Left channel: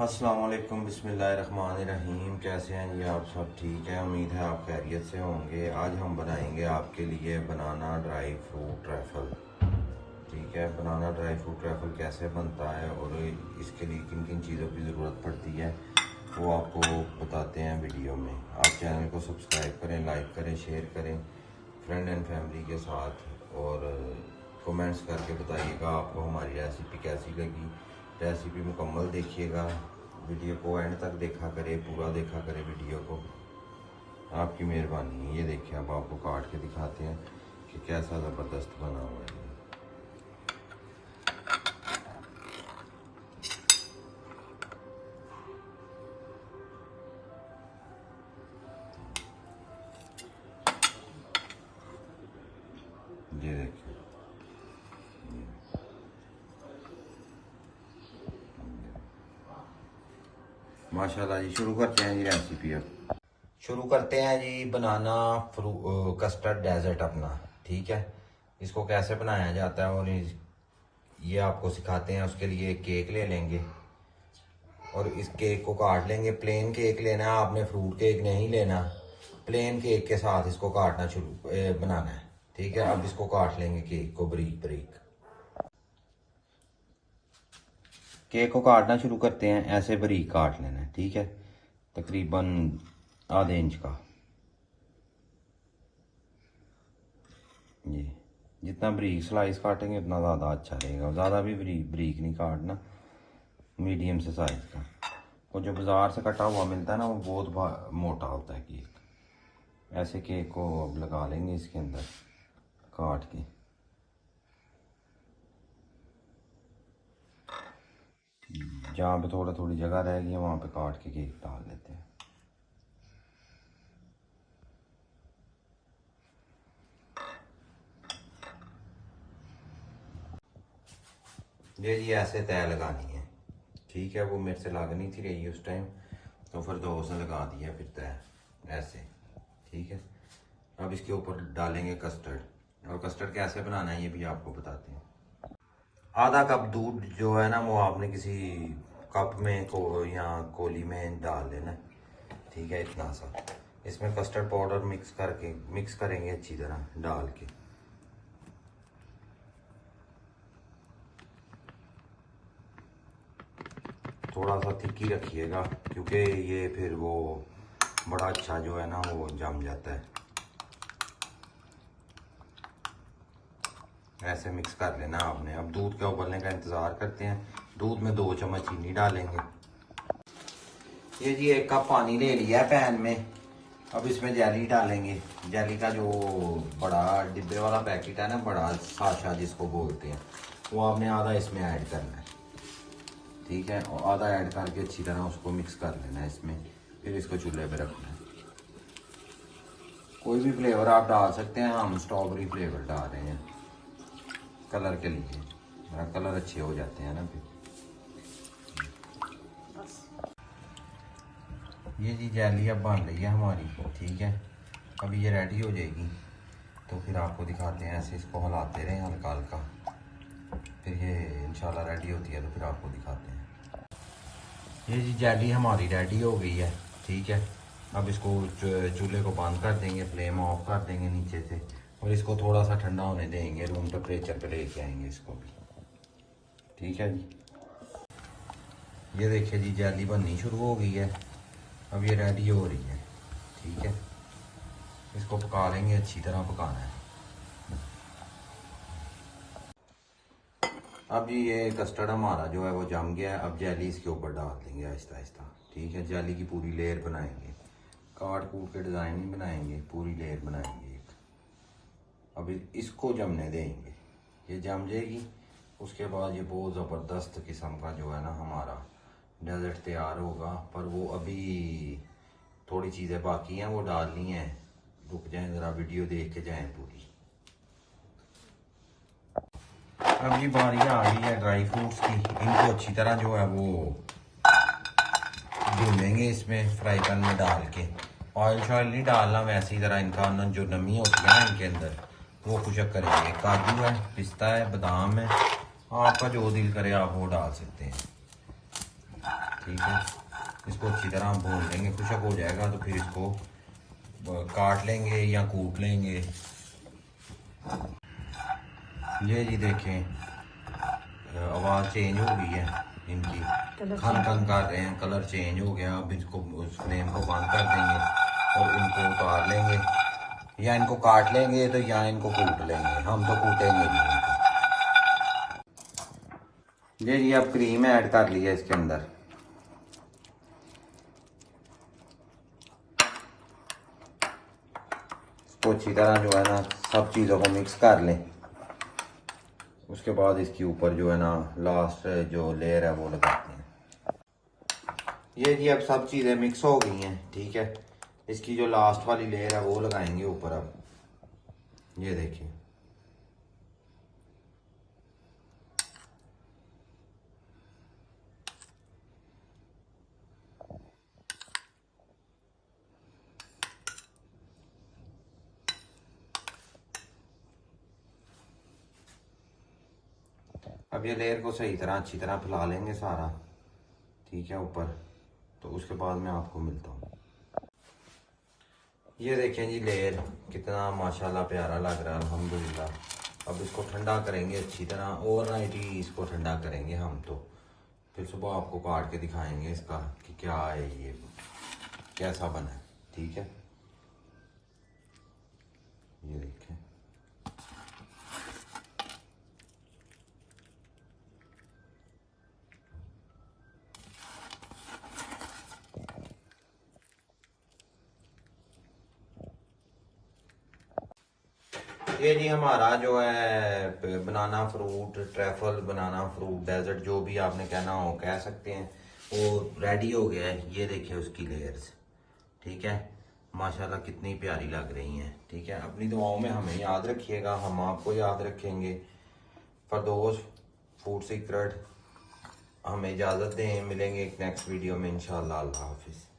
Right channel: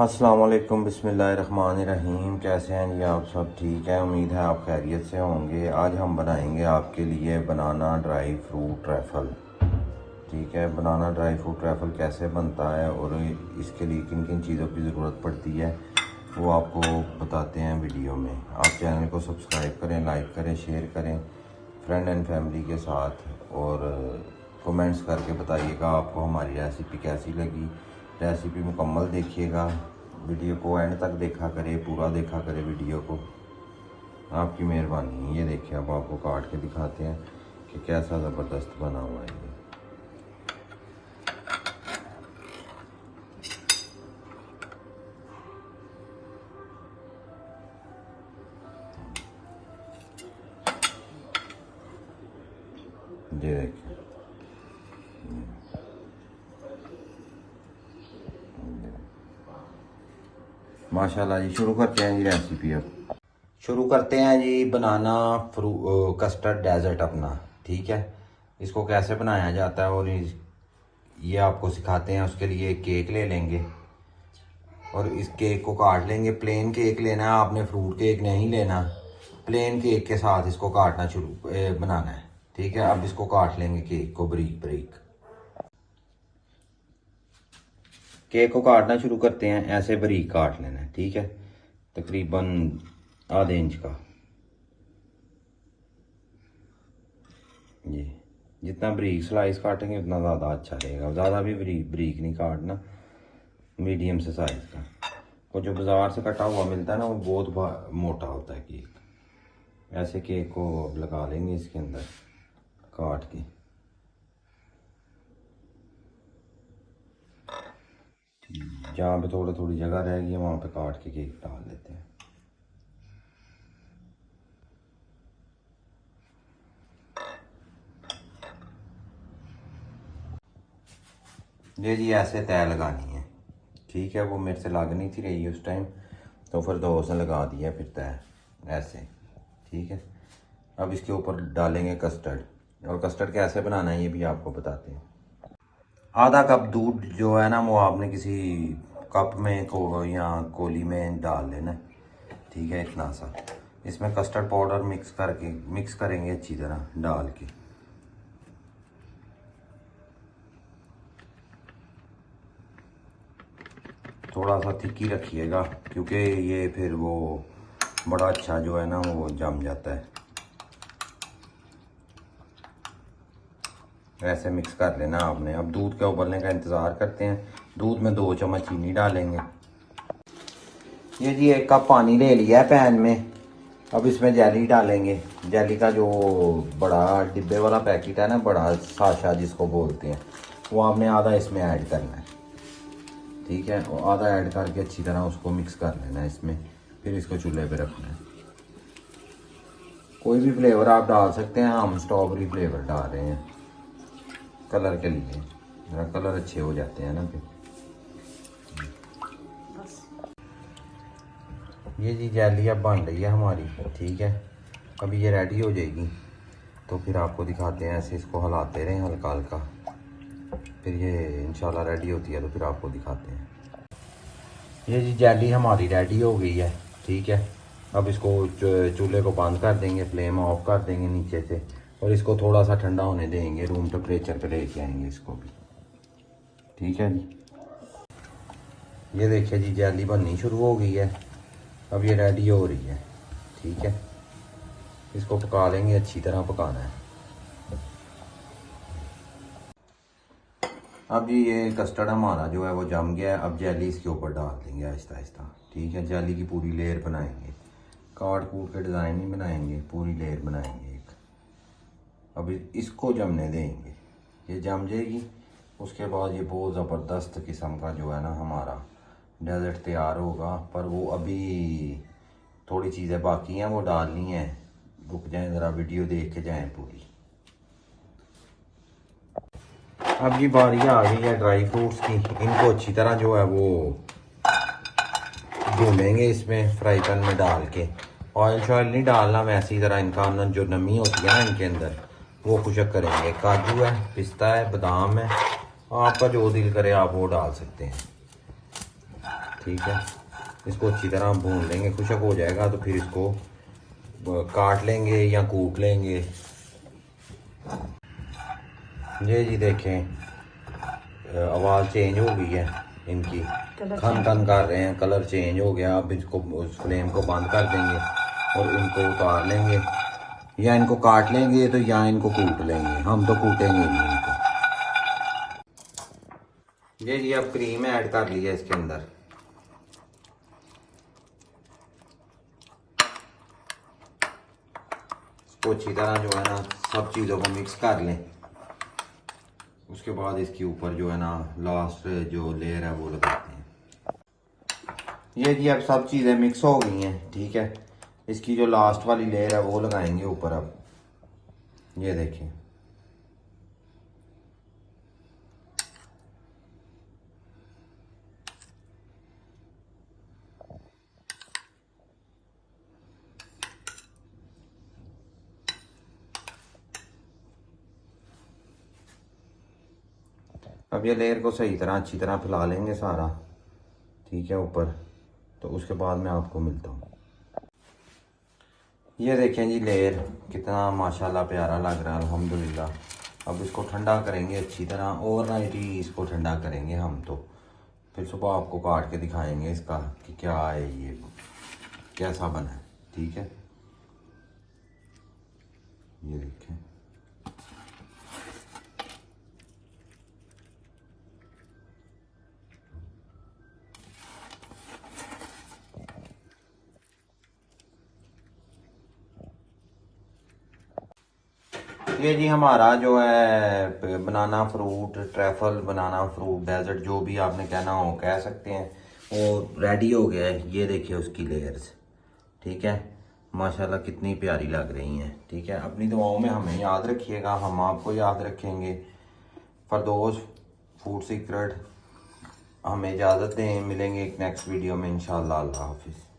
अस्सलाम वालेकुम, बिस्मिल्लाहिर्रहमानिर्रहीम। कैसे हैं जी आप सब? ठीक है, उम्मीद है आप खैरियत से होंगे। आज हम बनाएंगे आपके लिए बनाना ड्राई फ्रूट ट्रैफल। ठीक है, बनाना ड्राई फ्रूट ट्रैफल कैसे बनता है और इसके लिए किन किन चीज़ों की ज़रूरत पड़ती है वो आपको बताते हैं वीडियो में। आप चैनल को सब्सक्राइब करें, लाइक करें, शेयर करें फ्रेंड एंड फैमिली के साथ, और कमेंट्स करके बताइएगा आपको हमारी रेसिपी कैसी लगी। रेसिपी मुकम्मल देखिएगा, वीडियो को एंड तक देखा करें, पूरा देखा करें वीडियो को, आपकी मेहरबानी। ये देखिए, अब आपको काट के दिखाते हैं कि कैसा ज़बरदस्त बना हुआ है ये देखिए। माशाल्लाह जी, शुरू करते हैं जी रेसिपी। अब शुरू करते हैं जी बनाना कस्टर्ड डेजर्ट अपना। ठीक है, इसको कैसे बनाया जाता है और ये आपको सिखाते हैं। उसके लिए केक ले लेंगे और इस केक को काट लेंगे। प्लेन केक लेना है आपने, फ्रूट केक नहीं लेना। प्लेन केक के साथ इसको काटना बनाना है। ठीक है, अब इसको काट लेंगे केक को बारीक बारीक। केक को काटना शुरू करते हैं, ऐसे बारीक काट लेना है। ठीक है, तकरीबन आधे इंच का। जी, जितना बारीक स्लाइस काटेंगे उतना ज़्यादा अच्छा रहेगा। ज़्यादा भी बारीक नहीं काटना, मीडियम से साइज का। और जो बाज़ार से कटा हुआ मिलता है ना, वो बहुत मोटा होता है केक। ऐसे केक को लगा लेंगे इसके अंदर काट के। जहाँ पे थोड़ी जगह रहेगी वहाँ पे काट के केक डाल देते हैं। ये जी ऐसे तय लगानी है। ठीक है, वो मेरे से लग नहीं थी रही उस टाइम, तो फिर दोस्त ने लगा दिया फिर तय ऐसे। ठीक है, अब इसके ऊपर डालेंगे कस्टर्ड, और कस्टर्ड कैसे बनाना है ये भी आपको बताते हैं। आधा कप दूध जो है ना, वो आपने किसी कप में को या कोली में डाल लेना। ठीक है, इतना सा। इसमें कस्टर्ड पाउडर मिक्स करेंगे अच्छी तरह डाल के। थोड़ा सा थिक ही रखिएगा, क्योंकि ये फिर वो बड़ा अच्छा जो है ना वो जम जाता है। ऐसे मिक्स कर लेना आपने। अब दूध के उबलने का इंतज़ार करते हैं। दूध में 2 चम्मच चीनी डालेंगे। ये जी 1 कप पानी ले लिया है पैन में। अब इसमें जेली डालेंगे। जेली का जो बड़ा डिब्बे वाला पैकेट है ना, बड़ा साशा जिसको बोलते हैं, वो आपने आधा इसमें ऐड करना है। ठीक है, वो आधा ऐड करके अच्छी तरह उसको मिक्स कर लेना है इसमें। फिर इसको चूल्हे पे रखना है। कोई भी फ्लेवर आप डाल सकते हैं, हम स्ट्रॉबेरी फ्लेवर डाल रहे हैं कलर के लिए, कलर अच्छे हो जाते हैं ना फिर। ये जी जेली अब बन रही है हमारी। ठीक है, अभी ये रेडी हो जाएगी तो फिर आपको दिखाते हैं। ऐसे इसको हिलाते रहें हल्का हल्का, फिर ये इंशाल्लाह रेडी होती है तो फिर आपको दिखाते हैं। ये जी जेली हमारी रेडी हो गई है। ठीक है, अब इसको चूल्हे को बंद कर देंगे, फ्लेम ऑफ कर देंगे नीचे से, और इसको थोड़ा सा ठंडा होने देंगे। रूम टेम्परेचर पे लेके आएंगे इसको भी। ठीक है जी, ये देखिए जी जेली बननी शुरू हो गई है। अब ये रेडी हो रही है। ठीक है, इसको पका लेंगे, अच्छी तरह पकाना है। अब जी ये कस्टर्ड हमारा जो है वो जम गया है। अब जेली इसके ऊपर डाल देंगे आहिस्ता आहिस्ता। ठीक है, जेली की पूरी लेयर बनाएंगे, काट कूट के डिज़ाइन नहीं बनाएंगे, पूरी लेयर बनाएंगे एक। अब इसको जमने देंगे, ये जम जाएगी। उसके बाद ये बहुत ज़बरदस्त किस्म का जो है ना हमारा डेजर्ट तैयार होगा। पर वो अभी थोड़ी चीज़ें बाकी हैं, वो डालनी है। रुक जाएं ज़रा, वीडियो देख के जाएं पूरी। अब ये बारी आ गई है ड्राई फ्रूट्स की। इनको अच्छी तरह जो है वो भूनेंगे इसमें फ्राई पैन में डाल के। ऑयल शॉयल नहीं डालना, वैसे ही ज़रा इनका अंदर जो नमी होती है ना इनके अंदर, वो खुशक करेंगे। काजू है, पिस्ता है, बादाम है, आपका जो दिल करे आप वो डाल सकते हैं। ठीक है, इसको अच्छी तरह भून लेंगे। खुशक हो जाएगा तो फिर इसको काट लेंगे या कूट लेंगे। ये जी देखें, आवाज़ चेंज हो गई है इनकी, खन खन कर रहे हैं, कलर चेंज हो गया। अब इसको उस फ्लेम को बंद कर देंगे और इनको उतार लेंगे, या इनको काट लेंगे तो या इनको कूट लेंगे। हम तो कूटेंगे नहीं इनको। ये जी अब क्रीम ऐड कर लिया इसके अंदर। इसको अच्छी तरह जो है ना सब चीज़ों को मिक्स कर लें। उसके बाद इसके ऊपर जो है ना लास्ट जो लेयर है वो लगाते हैं। ये जी अब सब चीज़ें मिक्स हो गई हैं, ठीक है। इसकी जो लास्ट वाली लेयर है वो लगाएंगे ऊपर। अब ये देखिए, अब ये लेयर को सही तरह अच्छी तरह फैला लेंगे सारा, ठीक है, ऊपर। तो उसके बाद मैं आपको मिलता हूँ। ये देखें जी लेयर कितना माशाल्लाह प्यारा लग रहा है, अल्हम्दुलिल्लाह। अब इसको ठंडा करेंगे अच्छी तरह, ओवरनाइट ही इसको ठंडा करेंगे हम। तो फिर सुबह आपको काट के दिखाएंगे इसका कि क्या है, ये कैसा बना है, ठीक है। ये देखें, ये जी हमारा जो है बनाना फ्रूट ट्रैफल, बनाना फ्रूट डेजर्ट, जो भी आपने कहना हो कह सकते हैं, वो रेडी हो गया है। ये देखिए उसकी लेयर्स, ठीक है, माशाल्लाह कितनी प्यारी लग रही हैं, ठीक है। अपनी दुआओं में हमें याद रखिएगा, हम आपको याद रखेंगे। फरदौस फूड सीक्रेट, हमें इजाज़त दें, मिलेंगे एक नेक्स्ट वीडियो में इंशाल्लाह। अल्लाह हाफिज़।